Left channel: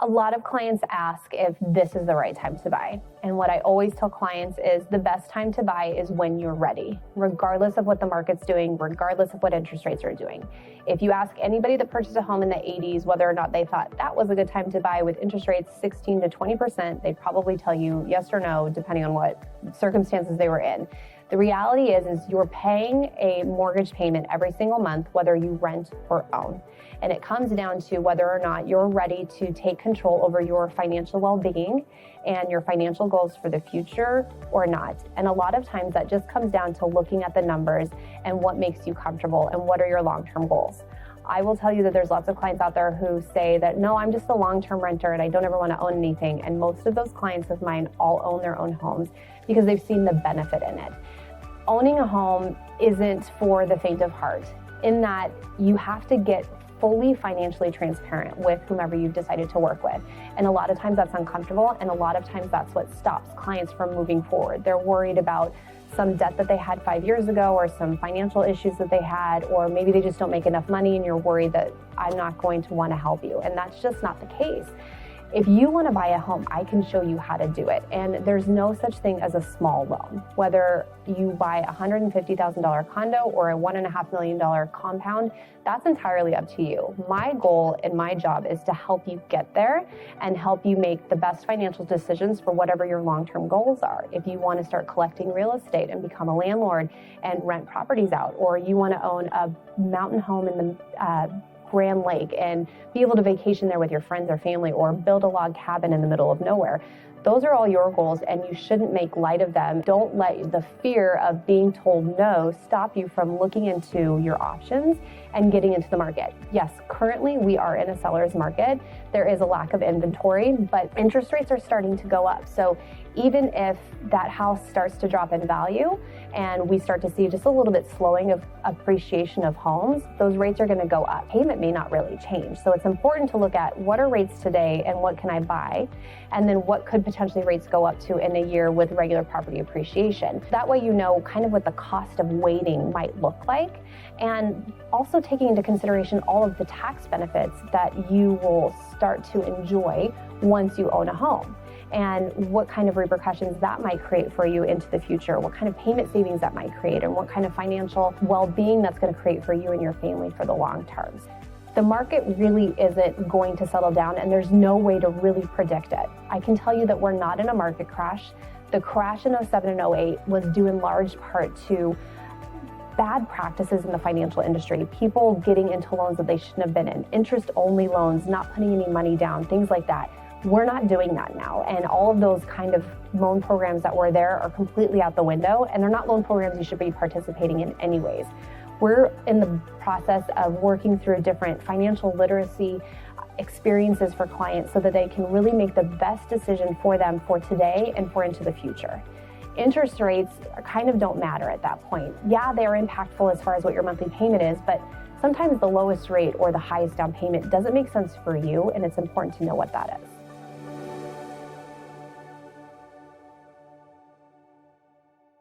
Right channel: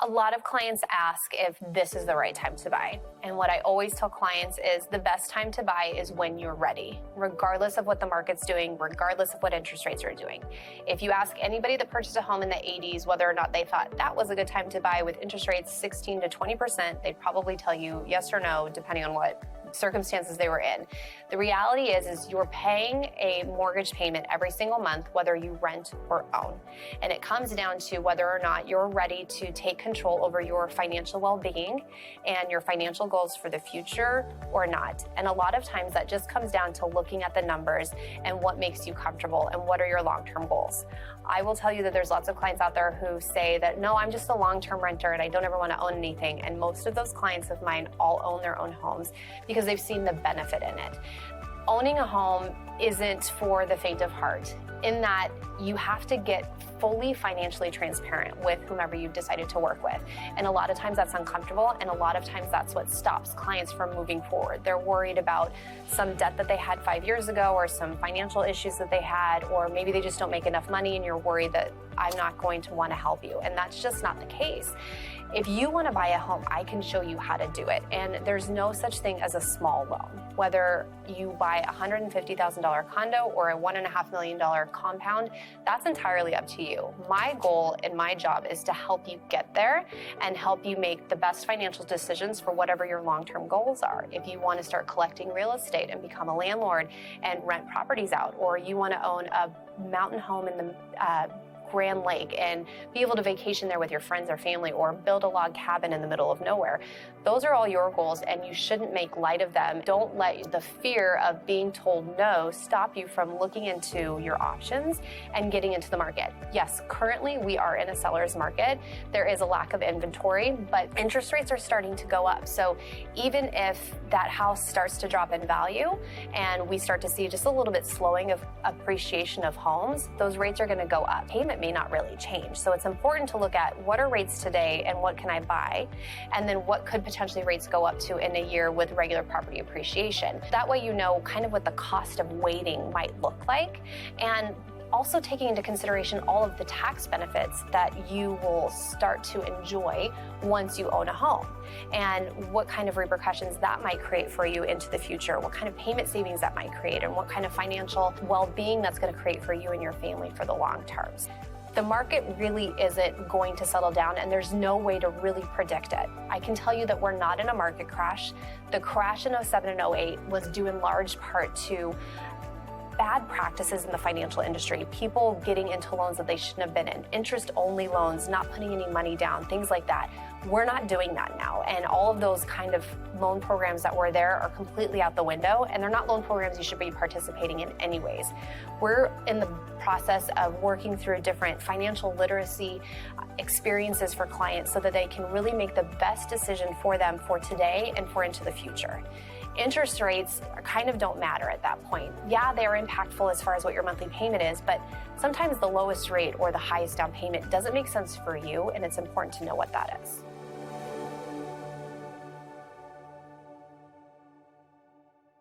A lot of clients ask if this is the right time to buy. And what I always tell clients is the best time to buy is when you're ready, regardless of what the market's doing, regardless of what interest rates are doing. If you ask anybody that purchased a home in the 80s whether or not they thought that was a good time to buy with interest rates 16 to 20%, they'd probably tell you yes or no, depending on what circumstances they were in. The reality is you're paying a mortgage payment every single month, whether you rent or own. And it comes down to whether or not you're ready to take control over your financial well-being and your financial goals for the future or not. And a lot of times that just comes down to looking at the numbers and what makes you comfortable and what are your long-term goals. I will tell you that there's lots of clients out there who say that, no, I'm just a long-term renter and I don't ever want to own anything. And most of those clients of mine all own their own homes because they've seen the benefit in it. Owning a home isn't for the faint of heart, in that you have to get fully financially transparent with whomever you've decided to work with. And a lot of times that's uncomfortable, and a lot of times that's what stops clients from moving forward. They're worried about some debt that they had 5 years ago, or some financial issues that they had, or maybe they just don't make enough money and you're worried that I'm not going to want to help you. And that's just not the case. If you want to buy a home, I can show you how to do it. And there's no such thing as a small loan. Whether you buy a $150,000 condo or a $1.5 million compound, that's entirely up to you. My goal and my job is to help you get there and help you make the best financial decisions for whatever your long-term goals are. If you want to start collecting real estate and become a landlord and rent properties out, or you want to own a mountain home in the Grand Lake and be able to vacation there with your friends or family, or build a log cabin in the middle of nowhere. Those are all your goals and you shouldn't make light of them. Don't let the fear of being told no stop you from looking into your options and getting into the market. Yes, currently we are in a seller's market. There is a lack of inventory, but interest rates are starting to go up. So even if that house starts to drop in value and we start to see just a little bit slowing of appreciation of homes, those rates are going to go up. Payment may not really change. So it's important to look at what are rates today and what can I buy, and then what could potentially rates go up to in a year with regular property appreciation. That way you know kind of what the cost of waiting might look like, and also taking into consideration all of the tax benefits that you will start to enjoy once you own a home, and what kind of repercussions that might create for you into the future, what kind of payment savings that might create, and what kind of financial well-being that's going to create for you and your family for the long terms. The market really isn't going to settle down, and there's no way to really predict it. I can tell you that we're not in a market crash. The crash in 07 and 08 was due in large part to bad practices in the financial industry, people getting into loans that they shouldn't have been in, interest-only loans, not putting any money down, things like that. We're not doing that now, and all of those kind of loan programs that were there are completely out the window, and they're not loan programs you should be participating in anyways. We're in the process of working through different financial literacy experiences for clients so that they can really make the best decision for them for today and for into the future. Interest rates kind of don't matter at that point. Yeah, they are impactful as far as what your monthly payment is, but sometimes the lowest rate or the highest down payment doesn't make sense for you, and it's important to know what that is.